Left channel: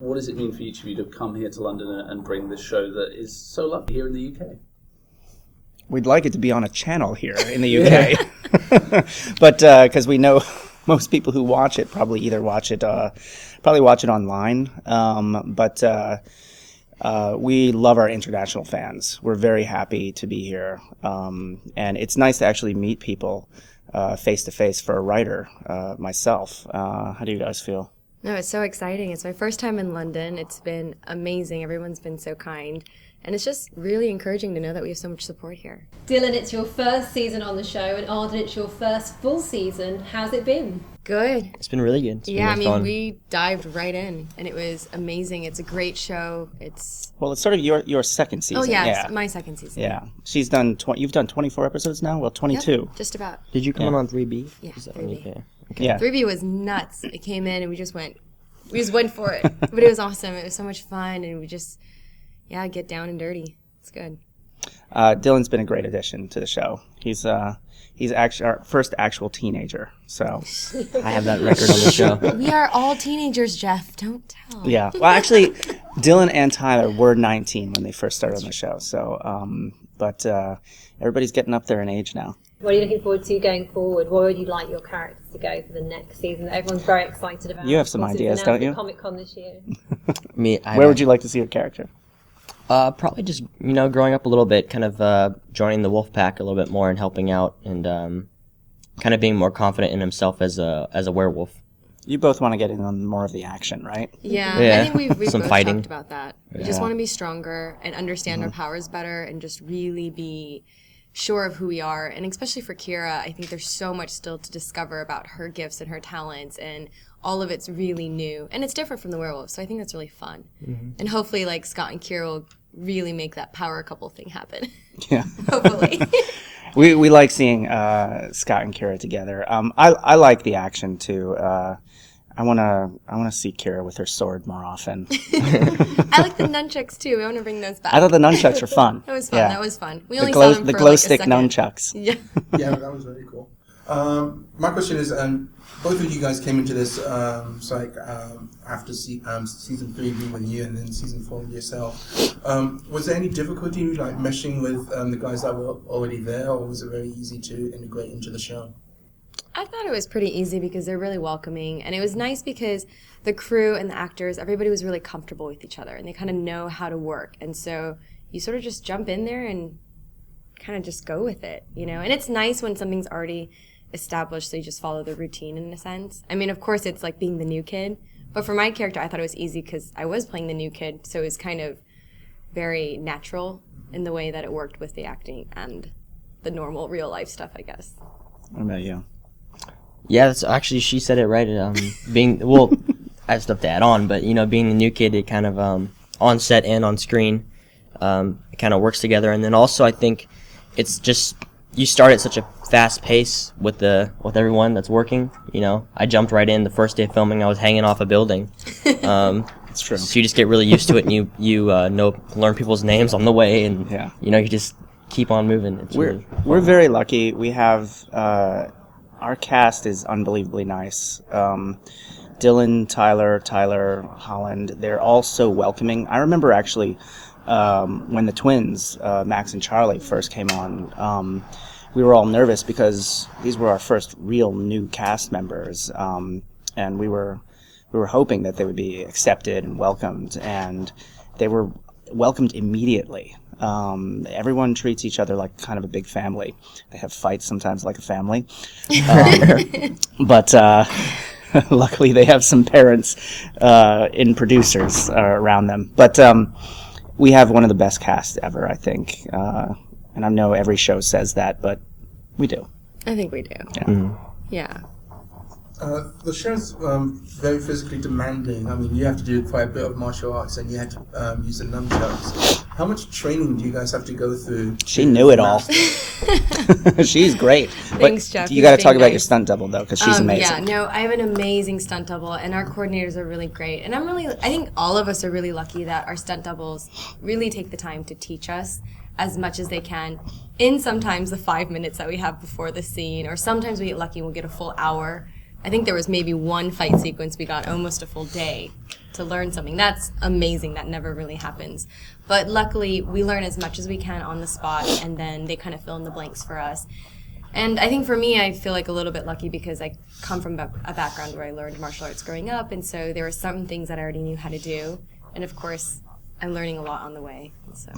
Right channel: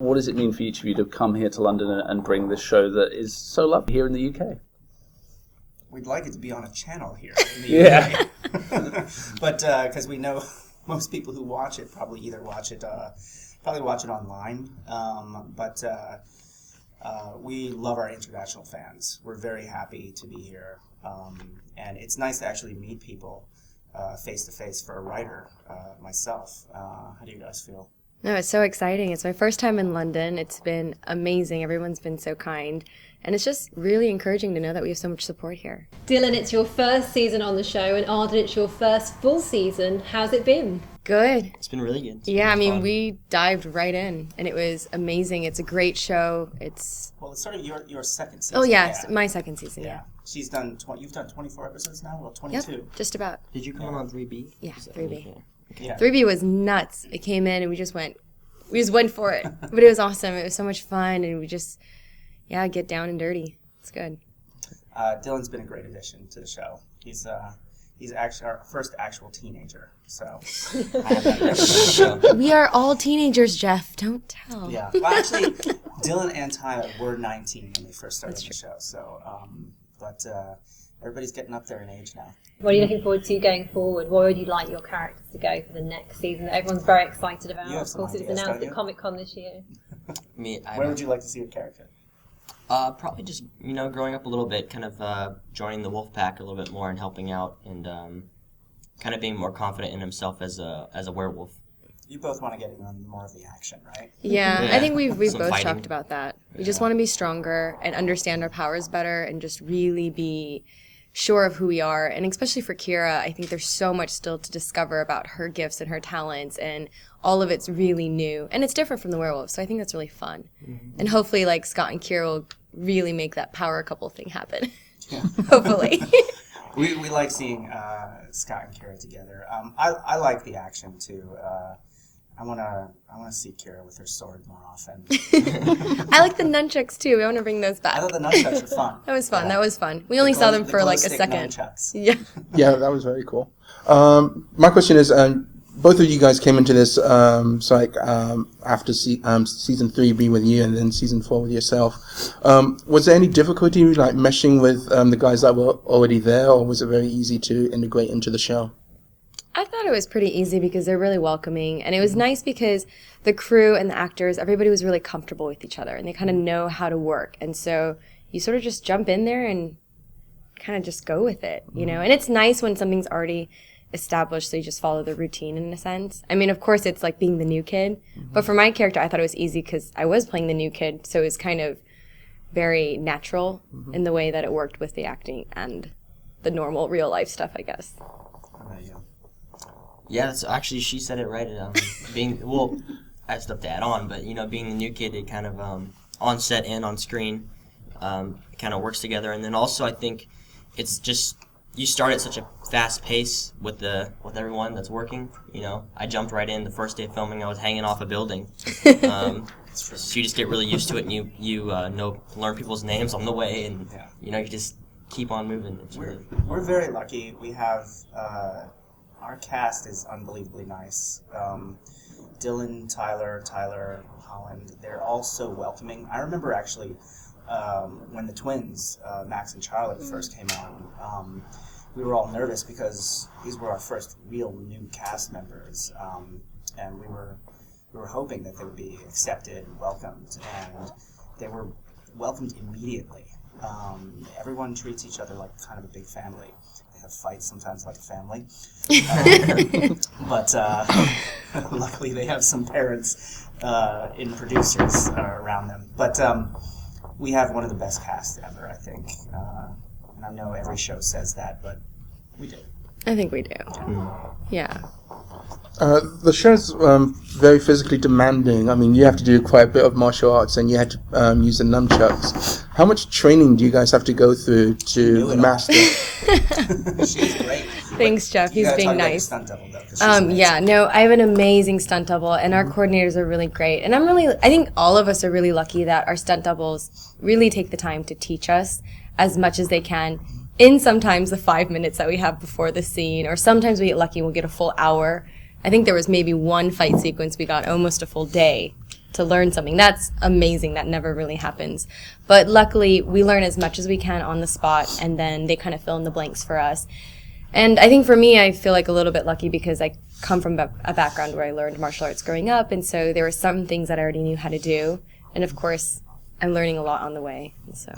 What does it mean for each of you to come here to London and bring this show that is so lovely here in the UK? We'd like it to be on a channel here in the UK. But because we know most people who watch it probably either watch it online. But we love our international fans. We're very happy to be here. And it's nice to actually meet people face to face for a writer, myself. How do you guys feel? No, it's so exciting. It's my first time in London. It's been amazing. Everyone's been so kind. And it's just really encouraging to know that we have so much support here. Dylan, it's your first season on the show, and Arden, it's your first full season. How's it been? Good. It's been really good. Yeah, I mean, we dived right in, and it was amazing. It's a great show. Well, it's sort of your second season. Oh, yeah, it's my second season. Yeah. She's done, you've done 24 episodes now? Well, 22. Yep, just about. Did you come on 3B? Yeah, 3B. Okay. Yeah. 3B was nuts. It came in, and we just went for it. But it was awesome. It was so much fun, and we just, get down and dirty. It's good. Dylan's been a great addition to the show. He's actually our first actual teenager. So I have that record on the show. We are all teenagers, Jeff. Don't tell. yeah. Well, actually, Dylan and Tyler were 19 when they first started on the show. So, but everybody's getting up there in age now. What are you looking forward to going forward? Where would you like your characters to go for the next season that everyone's very excited about? You have some ideas, don't you? Comic-Con this year. Where would you like to see your character? Probably just, growing up a little bit, kind of joining the wolf pack a little bit more and helping out and kind of being more confident in himself as a werewolf. You both want to get in on more of the action, right? Yeah. I think we've both fighting. talked about that. We just want to be stronger and understand our powers better and just really be sure of who we are. And especially for Kira, I think there's so much still to discover about her gifts and her talents, and all of it's really new. And it's different from the werewolf, so I think that's really fun. Mm-hmm. And hopefully, Scott and Kira will really make that power couple thing happen. Yeah. Hopefully. We like seeing Scott and Kira together. I like the action too. I wanna see Kira with her sword more often. I like the nunchucks too. We want to bring those back. I thought the nunchucks were fun. That was fun. Yeah. That was fun. We only saw them for a second. Nunchucks. Yeah. Yeah, that was very cool. My question is, both of you guys came into this after season 3B with you and then season 4 with yourself. Was there any difficulty meshing with the guys that were already there, or was it very easy to integrate into the show? I thought it was pretty easy because they're really welcoming, and it was nice because the crew and the actors, everybody was really comfortable with each other, and they kind of know how to work, and so you sort of just jump in there and kind of just go with it, and it's nice when something's already established, so you just follow the routine in a sense. I mean, of course, it's like being the new kid, but for my character, I thought it was easy because I was playing the new kid, so it was kind of very natural in the way that it worked with the acting and the normal real life stuff, I guess. What about you? Yeah, that's actually, she said it right. I have stuff to add on, but being the new kid, it kind of on set and on screen, it kind of works together. And then also, I think it's just you start at such a fast pace with everyone that's working. I jumped right in the first day of filming. I was hanging off a building. That's true. So you just get really used to it, and you learn people's names on the way, and you just keep on moving. We're very lucky. We have. Our cast is unbelievably nice. Dylan, Tyler, Holland, they're all so welcoming. I remember actually when the twins, Max and Charlie, first came on, we were all nervous because these were our first real new cast members, and we were hoping that they would be accepted and welcomed, and they were welcomed immediately. Everyone treats each other like kind of a big family. They have fights sometimes like a family. But luckily they have some parents in producers around them. But we have one of the best casts ever, I think. And I know every show says that, but we do. I think we do. Yeah. Mm-hmm. Yeah. The show's very physically demanding. I mean, you have to do quite a bit of martial arts, and you had to use the nunchucks. How much training do you guys have to go through to She knew it master? all. She's great. Thanks, Jeff. You got to talk about nice. your stunt double, though, because she's amazing. Yeah, no, I have an amazing stunt double, and our coordinators are really great. And I think all of us are really lucky that our stunt doubles really take the time to teach us as much as they can in sometimes the 5 minutes that we have before the scene, or sometimes we get lucky and we'll get a full hour. I think there was maybe one fight sequence we got almost a full day. to learn something. That's amazing. That never really happens. But luckily, we learn as much as we can on the spot, and then they kind of fill in the blanks for us. And I think for me, I feel like a little bit lucky because I come from a background where I learned martial arts growing up, and so there were some things that I already knew how to do. And of course, I'm learning a lot on the way. So.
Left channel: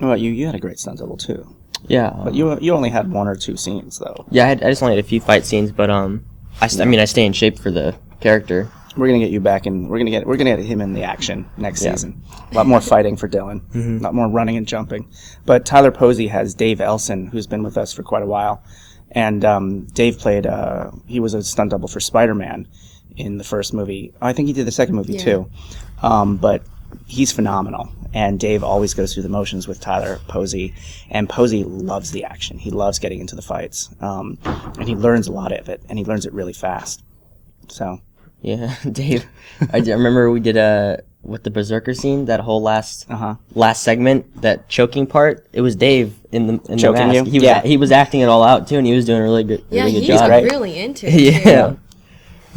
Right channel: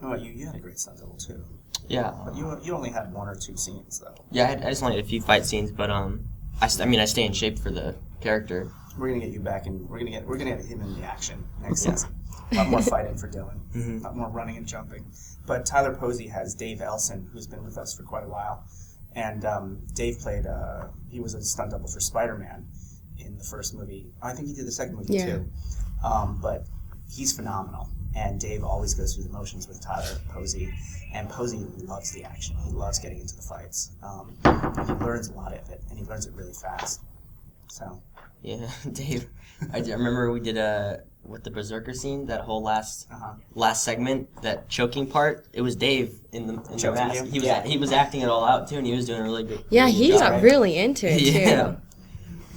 Well, you had a great stunt double too. Yeah. But you only had 1 or 2 scenes though. Yeah, I just only had a few fight scenes, but I stay in shape for the character. We're gonna get you back in. We're gonna get him in the action next season. A lot more fighting for Dylan. A lot more running and jumping. But Tyler Posey has Dave Elson, who's been with us for quite a while, and Dave played. He was a stunt double for Spider-Man in the first movie. I think he did the second movie too. But he's phenomenal. And Dave always goes through the motions with Tyler Posey, and Posey loves the action. He loves getting into the fights, and he learns a lot of it, and he learns it really fast. So. Yeah, Dave. I remember we did with the Berserker scene, that whole last segment, that choking part. It was Dave in the Choking mask. you? He was acting it all out too, and he was doing a really good. Yeah, really good he job. got really into it Yeah. too.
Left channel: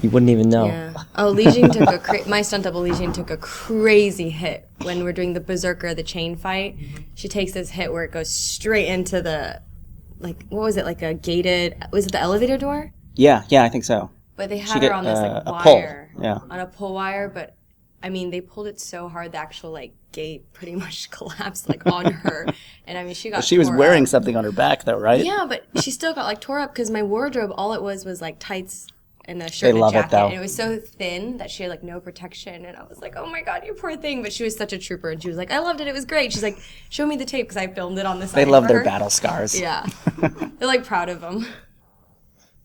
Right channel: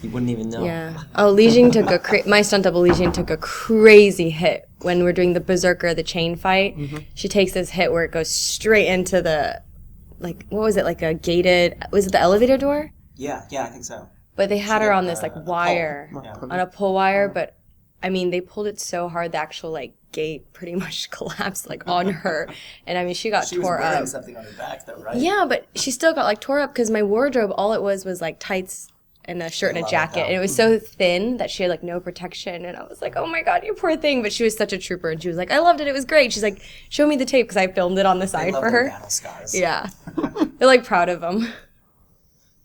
You wouldn't even know. Yeah. Oh, Li Jing took my stunt double Li Jing took a crazy hit when we're doing the Berserker, the chain fight. She takes this hit where it goes straight into the, like, what was it, like a gated, was it the elevator door? Yeah, I think so. But they had She her did, on this like a pole. wire, Yeah. on a pull wire. But I mean, they pulled it so hard the actual like gate pretty much collapsed like on her, and I mean she got. She was tore wearing up. something on her back though, right? Yeah, but she still got like tore up because my wardrobe, all it was like tights and a shirt They and a love it, jacket, though. and it was so thin that she had like no protection, and I was like, oh my god, you poor thing. But she was such a trooper, and she was like, I loved it, it was great. She's like, show me the tape because I filmed it on the side They love for their her. battle scars. Yeah, they're like proud of them.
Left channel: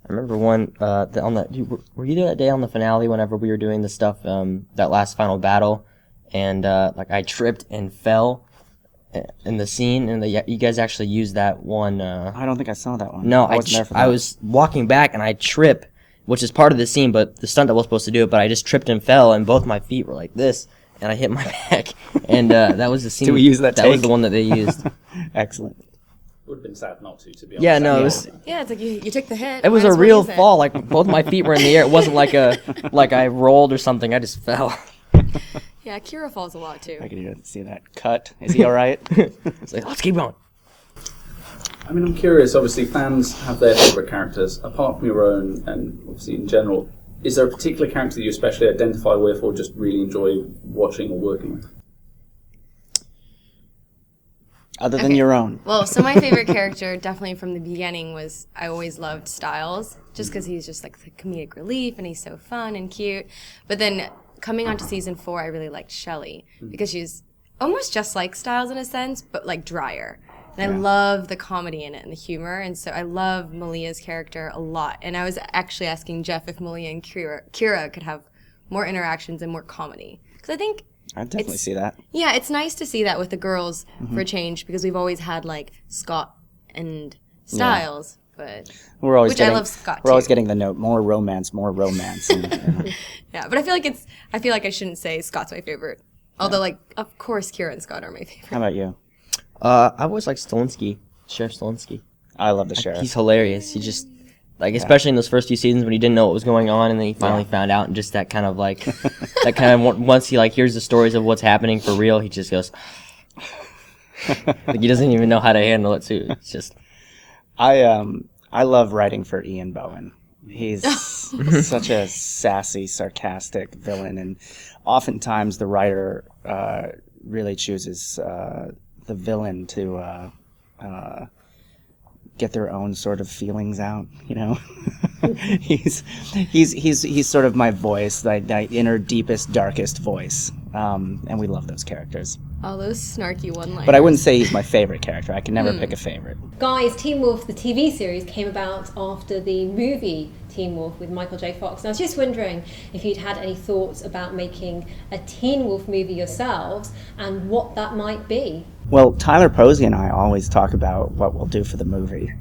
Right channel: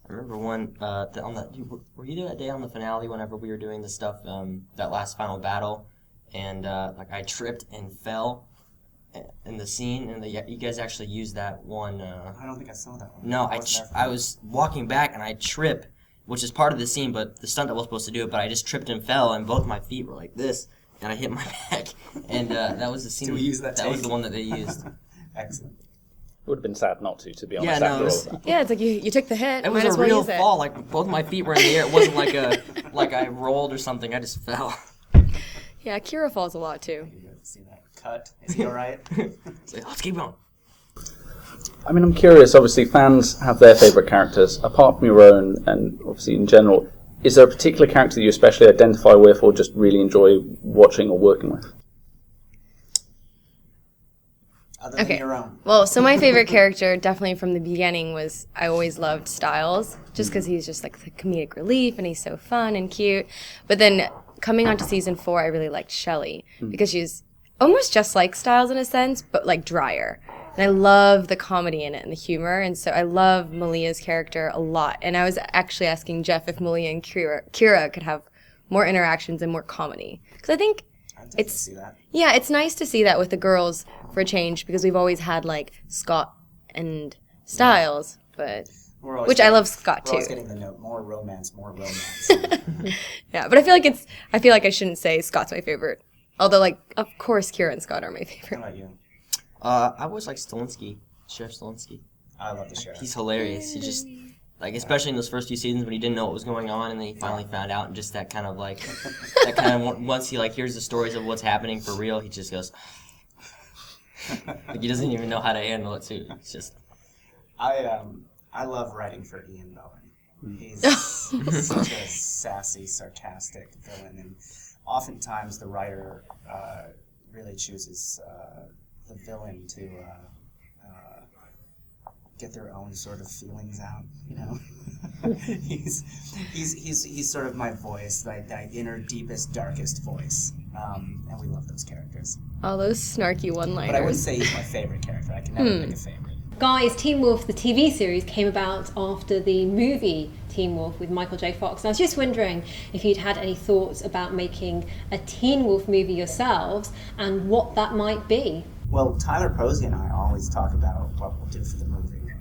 I remember one on that. Were you there that day on the finale whenever we were doing the stuff, that last final battle, and like I tripped and fell in the scene, and you guys actually used that one. I don't think I saw that one. No, wasn't there for I that. was walking back and I trip, which is part of the scene, but the stunt double was supposed to do it, but I just tripped and fell, and both my feet were like this, and I hit my back, and that was the scene. Did we use that That was take? the one that they used. Excellent. It would have been sad not to be honest. Yeah, no, That it was. Yeah, it's like you took the hit. It was might a as well real use it. fall. Like both my feet were in the air. It wasn't like I rolled or something. I just fell. Yeah, Kira falls a lot I too. could even see that cut. Is he all right? It's like, let's keep going. I mean, I'm curious. Obviously, fans have their favourite characters, apart from your own, and obviously in general. Is there a particular character that you especially identify with, or just really enjoy watching or working with? Other than Okay. your own. Well, so my favorite character, definitely from the beginning, was I always loved Styles, just because he's just like the comedic relief and he's so fun and cute. But then coming on to season 4, I really liked Shelley because she's almost just like Styles in a sense, but like drier. And I love the comedy in it and the humor, and so I love Malia's character a lot. And I was actually asking Jeff if Malia and Kira could have more interactions and more comedy, because I think. I definitely see that. Yeah, it's nice to see that with the girls for a change, because we've always had like Scott and Styles, but We're always which I getting- love Scott We're always too. getting the note, more romance. And, Yeah, but I feel like I shouldn't say Scott's my favorite. Although like of course Kira and Scott are my how favorite. about you? I always like Stilinski, Sheriff Stilinski. I love the sheriff. He's hilarious. He just especially in those first few seasons when he didn't know what was going on, and then he finally found out, and just that kind of like once he like hears the stories of what's happening for real, he just goes like he doesn't even know how to handle it too. It's just I love writing for Ian Bohen. He's such a sassy, sarcastic villain, and oftentimes the writer really chooses the villain to get their own sort of feelings out. You know, he's sort of my voice, that inner, deepest, darkest voice, and we love those characters. All those snarky one-liners. But I wouldn't say he's my favorite character. I can never pick a favorite. Guys, Teen Wolf, the TV series, came about after the movie Teen Wolf with Michael J. Fox. And I was just wondering if you'd had any thoughts about making a Teen Wolf movie yourselves and what that might be. Well, Tyler Posey and I always talk about what we'll do for the movie.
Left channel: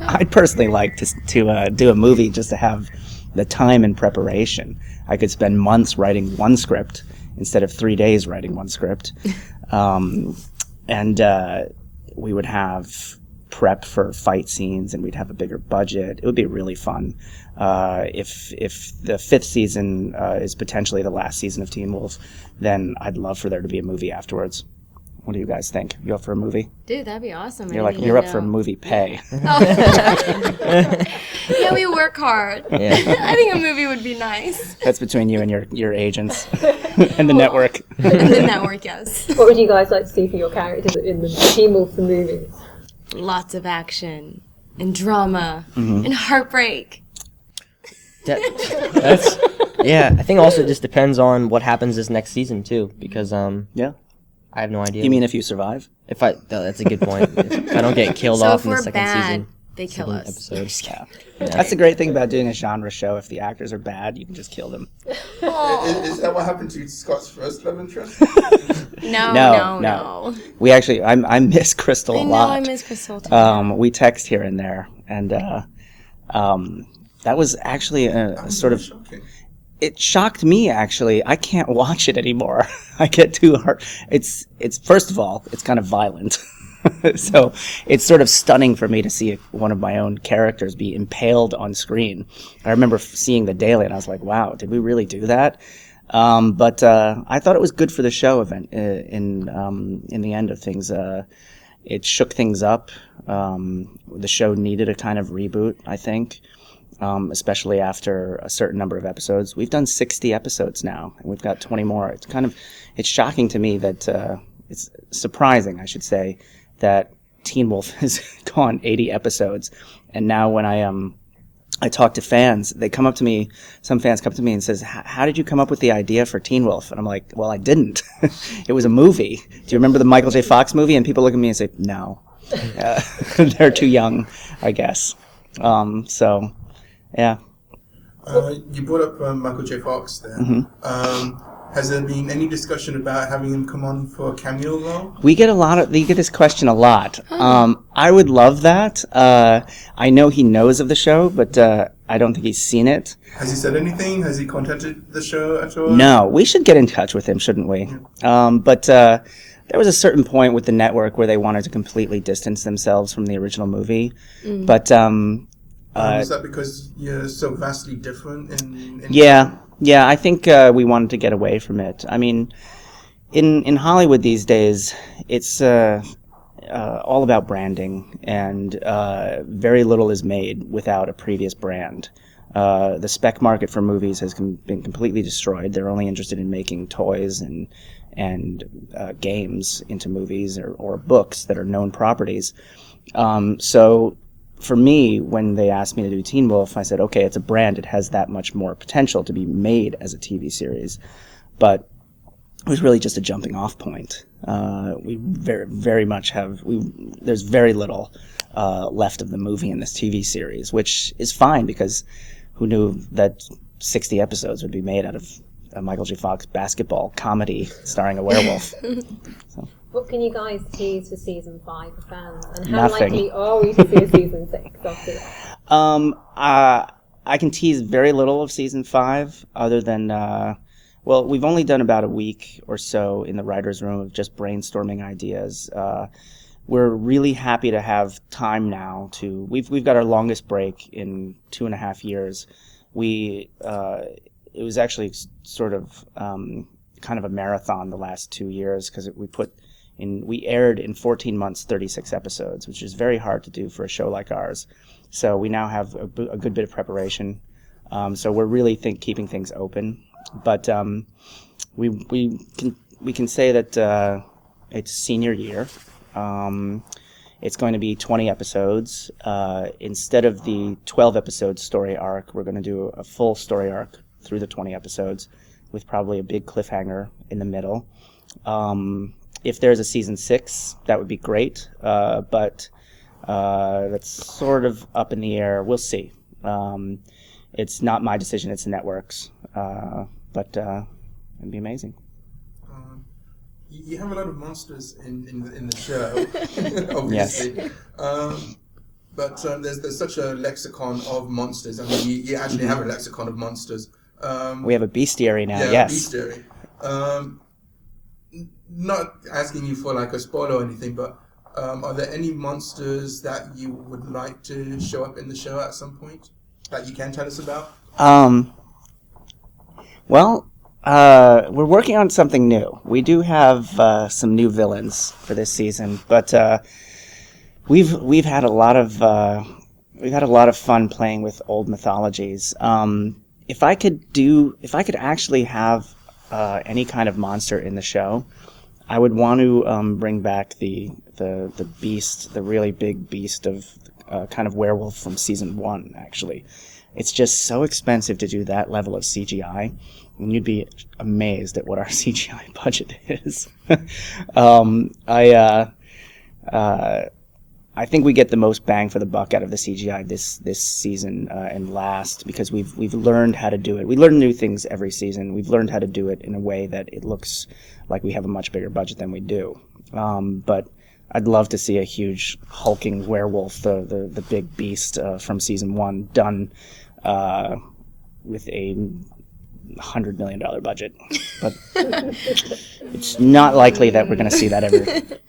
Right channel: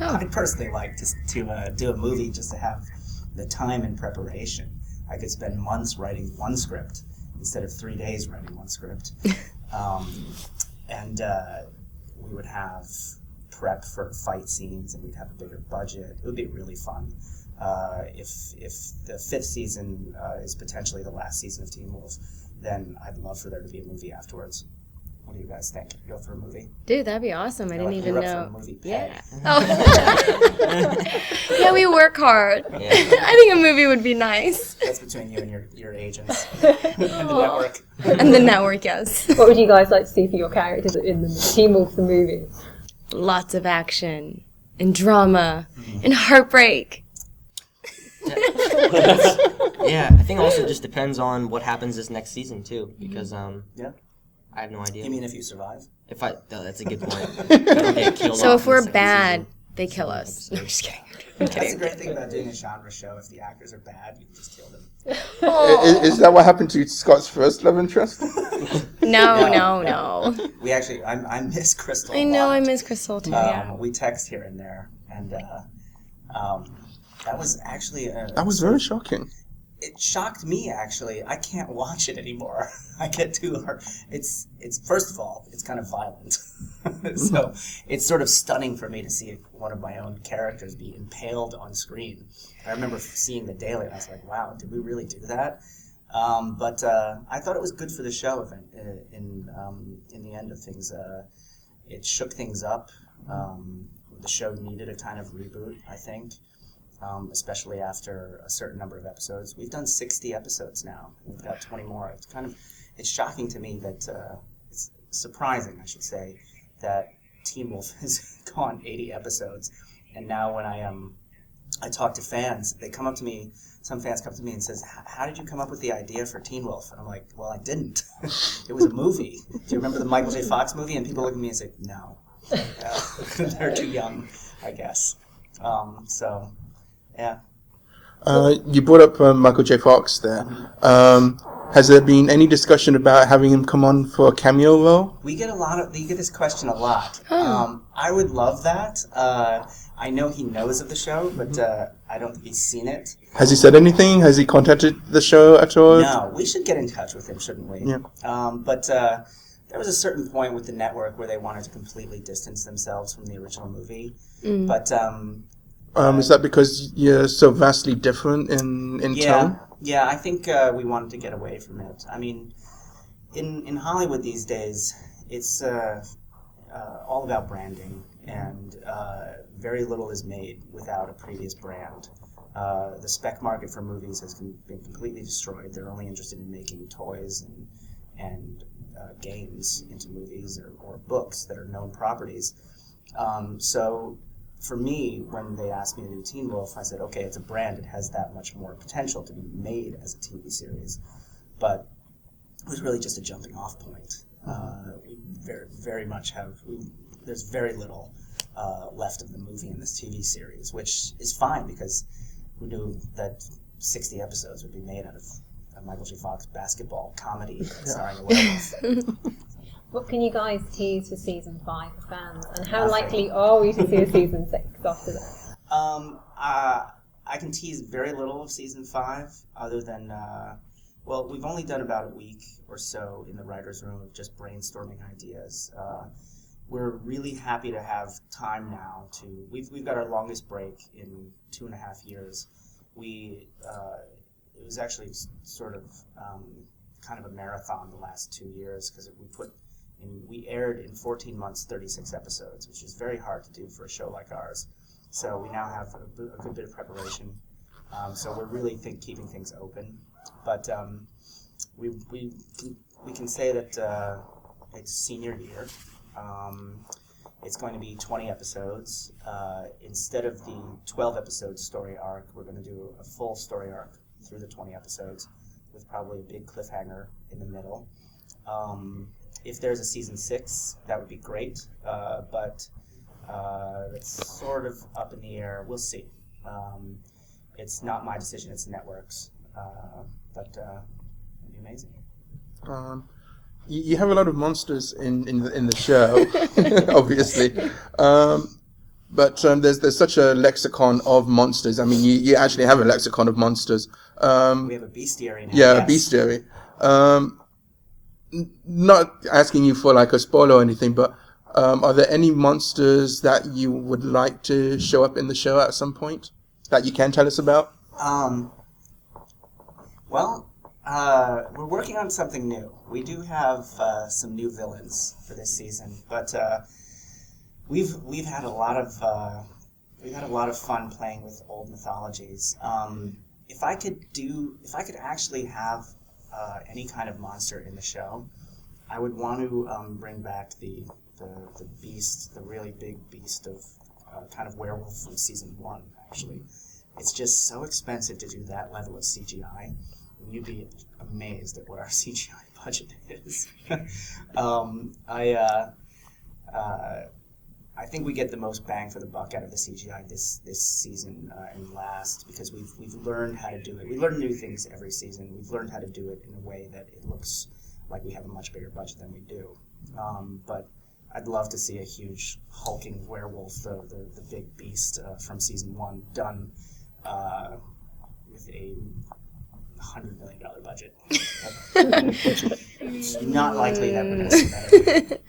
I'd personally like to do a movie just to have the time and preparation. I could spend months writing one script instead of 3 days writing one script. And we would have prep for fight scenes, and we'd have a bigger budget. It would be really fun. If the 5th season is potentially the last season of Teen Wolf, then I'd love for there to be a movie afterwards. What do you guys think? You up for a movie? Dude, that'd be awesome. You're up for movie pay. Yeah, we work hard. Yeah. I think a movie would be nice. That's between you and your agents and the network. And the network, yes. What would you guys like to see for your characters in the Teen Wolf the movie? Lots of action and drama Mm-hmm. and heartbreak. Yeah, I think also it just depends on what happens this next season too, because Yeah. I have no idea. You mean if you survive? That's a good point. If I don't get killed So off if in the we're second bad, season, they kill us. episode. I'm just kidding. That's the great thing about doing a genre show. If the actors are bad, you can just kill them. Is that what happened to Scott's first love interest? No. We actually, I miss Crystal a I lot. know I miss Crystal too. Yeah. We text here and there, and that was actually That was sort very of shocking. it shocked me actually. I can't watch it anymore. I get too hard. It's first of all, it's kind of violent. So it's sort of stunning for me to see one of my own characters be impaled on screen. I remember seeing the daily and I was like, wow, did we really do that? But I thought it was good for the show event in the end of things. It shook things up. The show needed a kind of reboot, I think. Especially after a certain number of episodes. We've done 60 episodes now, and we've got 20 more. It's shocking to me that, it's surprising, I should say, that Teen Wolf has gone 80 episodes. And now when I talk to fans, some fans come to me and says, how did you come up with the idea for Teen Wolf? And I'm like, well, I didn't. It was a movie. Do you remember the Michael J. Fox movie? And people look at me and say, no. They're too young, I guess. So... Yeah. You brought up Michael J. Fox there. Has there been any discussion about having him come on for a cameo role? We get this question a lot. I would love that. I know he knows of the show, but I don't think he's seen it. Has he said anything? Has he contacted the show at all? No, we should get in touch with him, shouldn't we? Yeah. But there was a certain point with the network where they wanted to completely distance themselves from the original movie. But is that because you're so vastly different in tone? Yeah, I think we wanted to get away from it. I mean, in Hollywood these days, it's all about branding, and very little is made without a previous brand. The spec market for movies has been completely destroyed. They're only interested in making toys and games into movies or books that are known properties. So for me, when they asked me to do Teen Wolf, I said, okay, it's a brand. It has that much more potential to be made as a TV series. But it was really just a jumping off point. We very much there's very little left of the movie in this TV series, which is fine because who knew that 60 episodes would be made out of a Michael J. Fox basketball comedy starring a werewolf. What can you guys tease for season 5 for fans? And how Nothing. likely are we to see a season 6 after that? I can tease very little of season 5 other than, we've only done about a week or so in the writer's room of just brainstorming ideas. We're really happy to have time now we've got our longest break in 2.5 years. It was actually sort of kind of a marathon the last 2 years because we aired in 14 months 36 episodes, which is very hard to do for a show like ours. So we now have a good bit of preparation. So we're really keeping things open. But we can say that it's senior year. It's going to be 20 episodes. Instead of the 12-episode story arc, we're going to do a full story arc through the 20 episodes with probably a big cliffhanger in the middle. If there's a season 6, that would be great, but that's sort of up in the air. We'll see. It's not my decision, it's the network's, but it'd be amazing. You have a lot of monsters in the show, obviously. But there's such a lexicon of monsters. I mean, you actually have a lexicon of monsters. We have a bestiary now. Yeah, yes. a bestiary. Not asking you for like a spoiler or anything, but are there any monsters that you would like to show up in the show at some point? that you can tell us about? Well, we're working on something new. We do have some new villains for this season, but we've had a lot of fun playing with old mythologies. If I could actually have any kind of monster in the show, I would want to bring back the beast, the really big beast of kind of werewolf from season 1. Actually, it's just so expensive to do that level of CGI, and you'd be amazed at what our CGI budget is. I think we get the most bang for the buck out of the CGI this season and last, because we've learned how to do it. We learn new things every season. We've learned how to do it in a way that it looks like we have a much bigger budget than we do. But I'd love to see a huge hulking werewolf, the big beast from season 1, done with a $100 million budget. But it's not likely that we're going to see that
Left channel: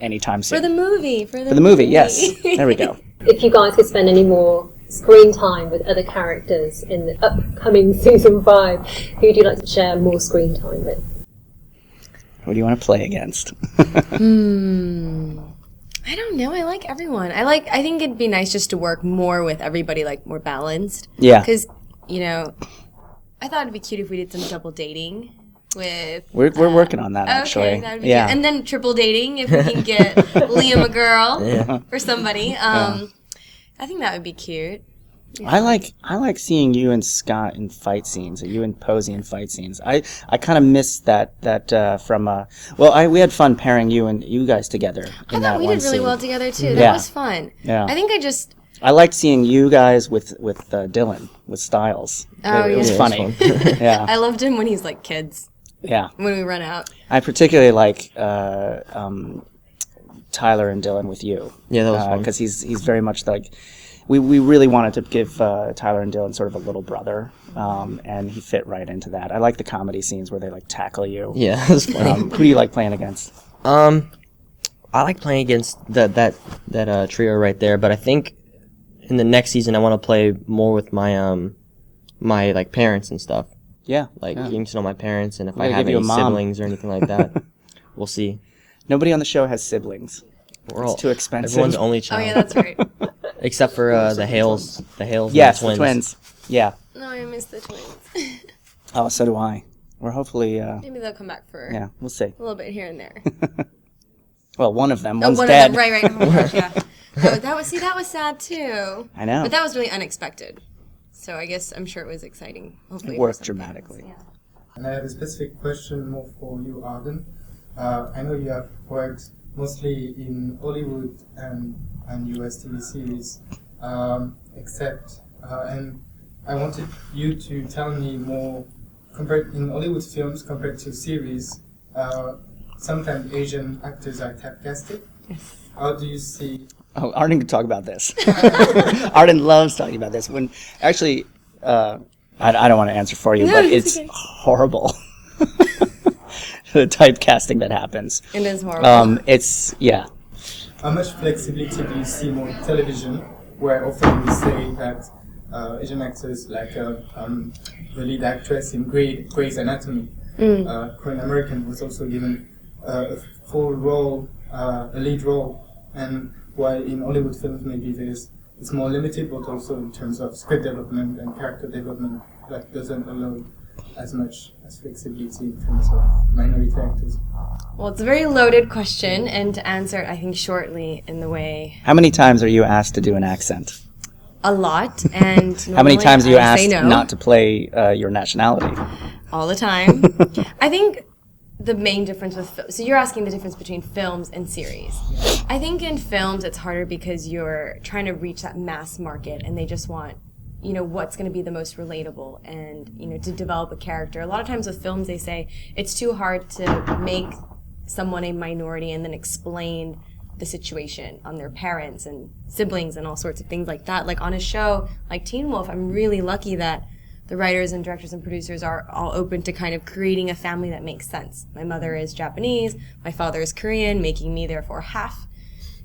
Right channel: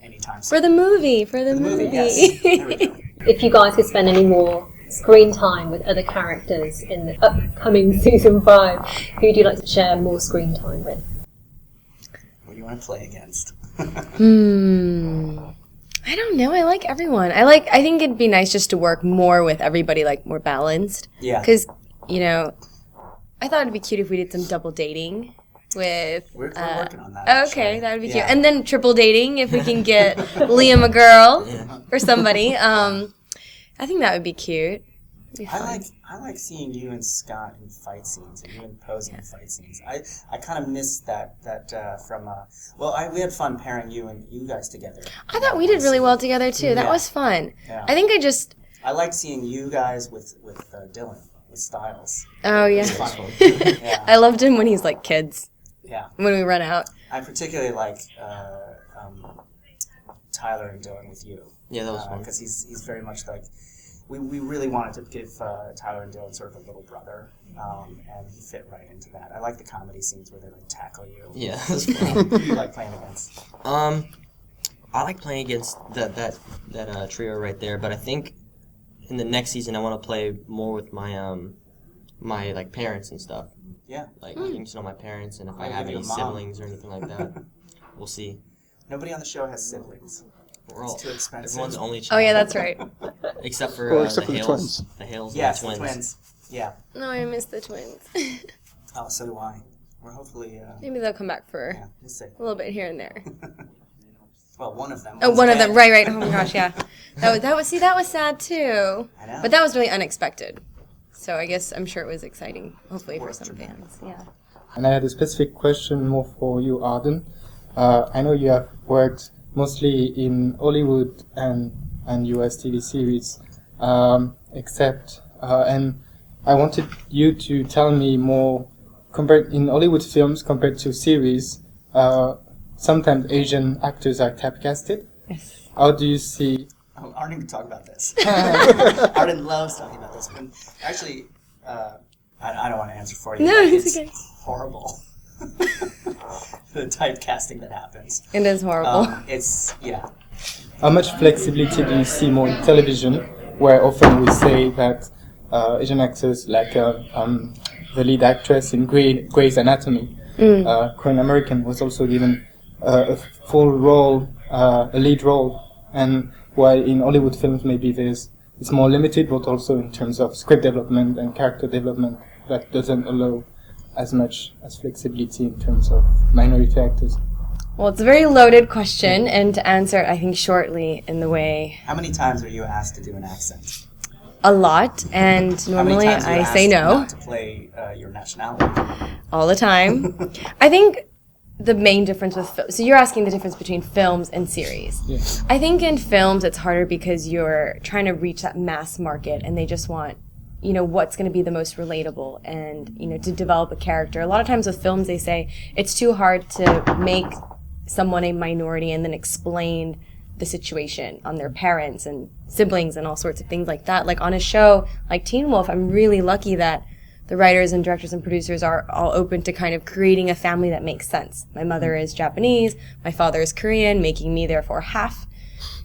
anytime soon. For the movie. For the movie, yes. There we go. If you guys could spend any more screen time with other characters in the upcoming season 5, who would you like to share more screen time with? Who do you want to play against? I don't know. I like everyone. I think it'd be nice just to work more with everybody, like more balanced. Yeah. Because, I thought it'd be cute if we did some double dating with... We're working on that, actually. Okay, that would be cute. And then triple dating, if we can get Liam a girl or somebody. I think that would be cute. I like seeing you and Scott in fight scenes, or you and Posey in fight scenes. I kind of missed that from we had fun pairing you guys together. I thought we did really well together too. That was fun. Yeah. I think I liked seeing you guys with Dylan, with Styles. Oh, it yeah. was funny. Yeah. I loved him when he's like kids. Yeah. When we run out. I particularly like Tyler and Dylan with you. Yeah, that was fun. Because he's very much like... We really wanted to give Tyler and Dylan sort of a little brother, and he fit right into that. I like the comedy scenes where they like tackle you. Yeah, that was funny. Who do you like playing against? I like playing against that trio right there, but I think in the next season I want to play more with my my like parents and stuff. Yeah, like getting to know my parents, and if I gotta have give you any a mom. siblings or anything like that, we'll see. Nobody on the show has siblings. It's too expensive. Everyone's only child. Oh, yeah, that's right. Except for the Hales. The Hales Yes, and the twins. Yeah. No, I miss the twins. Oh, so do I. We're hopefully... Maybe they'll come back for yeah, we'll see. a little bit here and there. Well, one of them. Oh, One's one dead. of them. Right. Oh my gosh, yeah. That was sad too. I know. But that was really unexpected. So I guess I'm sure it was exciting. Hopefully Worked for some fans. dramatically. Yeah. And I had a specific question more for you, Arden. I know you have worked mostly in Hollywood and US TV series, and I wanted you to tell me more, compared in Hollywood films compared to series, sometimes Asian actors are typecasted. Yes. How do you see... Oh, Arden can talk about this. Arden loves talking about this. When actually, I don't want to answer for you, but it's okay. horrible. The typecasting that happens. It is horrible. How much flexibility do you see more in television, where often we say that Asian actors, like the lead actress in Grey's Anatomy, Korean American, was also given a full role, a lead role, and while in Hollywood films maybe it's more limited, but also in terms of script development and character development, that doesn't allow as much as flexibility in terms of minority actors. Well, it's a very loaded question, and to answer it, I think shortly in the way How many times are you asked to do an accent? a lot, and How many normally times are you I asked say no not to play your nationality? all the time. I think the main difference with so you're asking the difference between films and series. Yeah. I think in films it's harder because you're trying to reach that mass market, and they just want what's going to be the most relatable and to develop a character. A lot of times with films they say it's too hard to make someone a minority and then explain the situation on their parents and siblings and all sorts of things like that. Like on a show like Teen Wolf, I'm really lucky that the writers and directors and producers are all open to kind of creating a family that makes sense. My mother is Japanese, my father is Korean, making me therefore half.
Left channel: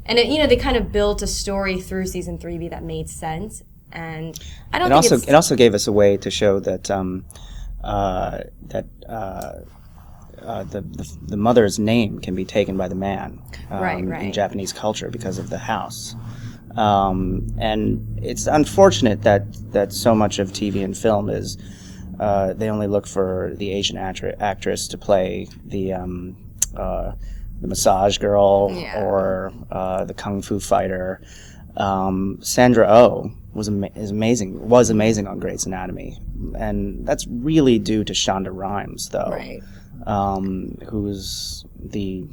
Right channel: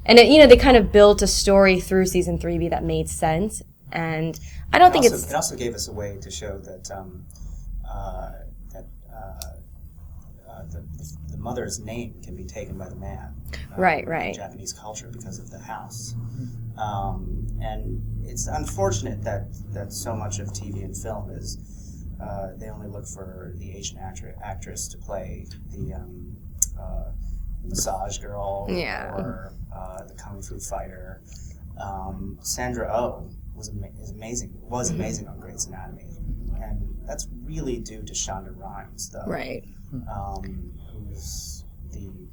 And they kind of built a story through season 3B that made sense. And I don't It think also, it also gave us a way to show that the mother's name can be taken by the man, Right. in Japanese culture because of the house. And it's unfortunate that so much of TV and film is they only look for the Asian actress to play the massage girl Yeah. or the kung fu fighter. Sandra Oh is amazing on Grey's Anatomy, and that's really due to Shonda Rhimes, though, right. who's the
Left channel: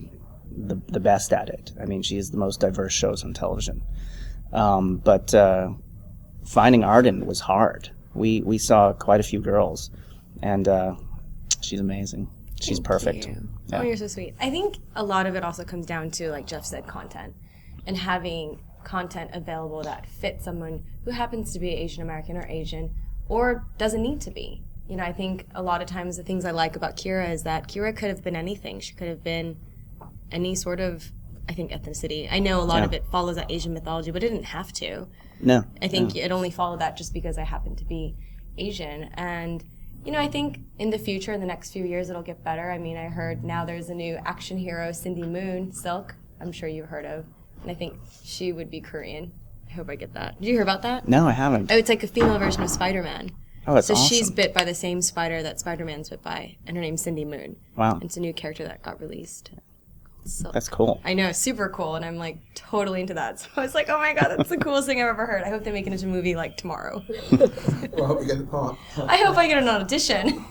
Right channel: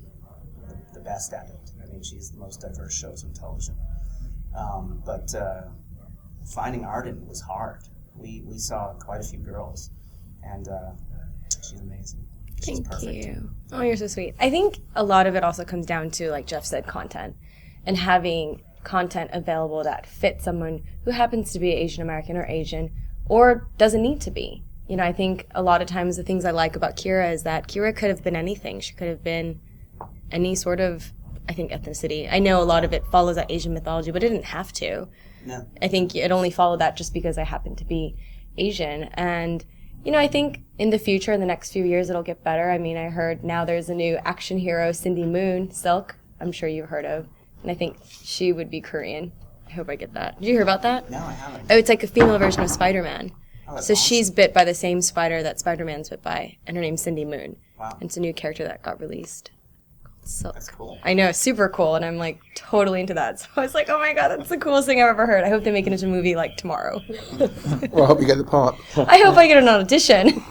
best at it. I mean, she has the most diverse shows on television. But finding Arden was hard. We saw quite a few girls, and she's amazing. She's perfect. You. Oh, you're so sweet. I think a lot of it also comes down to, like Jeff said, content, and having content available that fits someone who happens to be Asian American or Asian, or doesn't need to be. You know, I think a lot of times the things I like about Kira is that Kira could have been anything. She could have been any sort of, I think, ethnicity. I know a lot of it follows that Asian mythology, but it didn't have to. No. I think it only followed that just because I happen to be Asian. And, you know, I think in the future, in the next few years, it'll get better. I mean, I heard now there's a new action hero, Cindy Moon, Silk, I'm sure you've heard of. And I think she would be Korean. I hope I get that. Did you hear about that? No, I haven't. Oh, it's like a female version of Spider-Man. Oh, that's So awesome. she's bit by the same spider that Spider-Man's bit by, and her name's Cindy Moon. Wow. And it's a new character that got released. So That's cool. I know, super cool, and I'm like totally into that. So I was like, oh my god, that's the coolest thing I've ever heard. I hope they make it into a movie like tomorrow. Well, I hope you get the part. I hope I get an audition.